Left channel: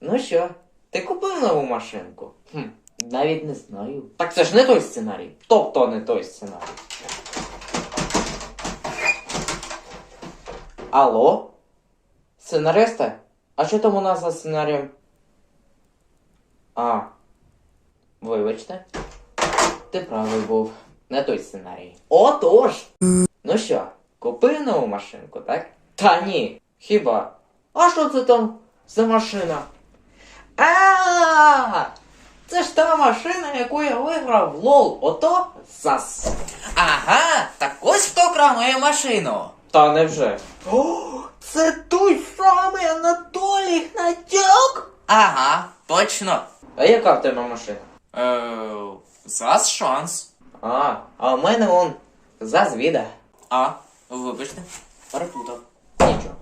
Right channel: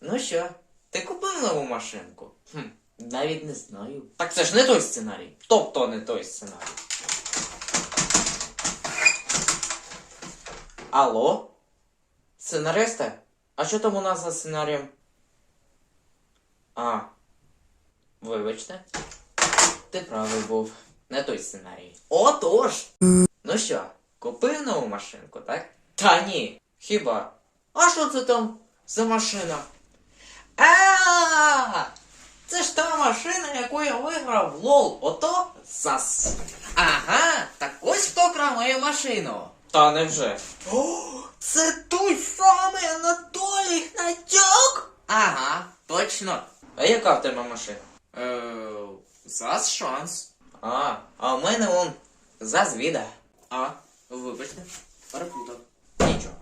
Ну що, ти купив нову машинку? Хм, навіть не знаю. Так це ж не той сценарій. Тобто не той сценарій. Алло? Сценаристе? А що там у нас за сценарієм? А. Вибачте. Ти правий був. Не той сценарій. Отож! Ну що, купив нову машинку, так? Та ні. Хіба? А що це там за машина? А! Це ж та машина, яку я виграв лол. Ото САС. Ага, так ось хто крав машину. Та невже? О, це той самий Анатолій Гнатюк? Ага, точно. А яка в тебе машина? Е, зас шанс. А, а в мене он зазвіда. А, вибачте, перепутав. Нічого.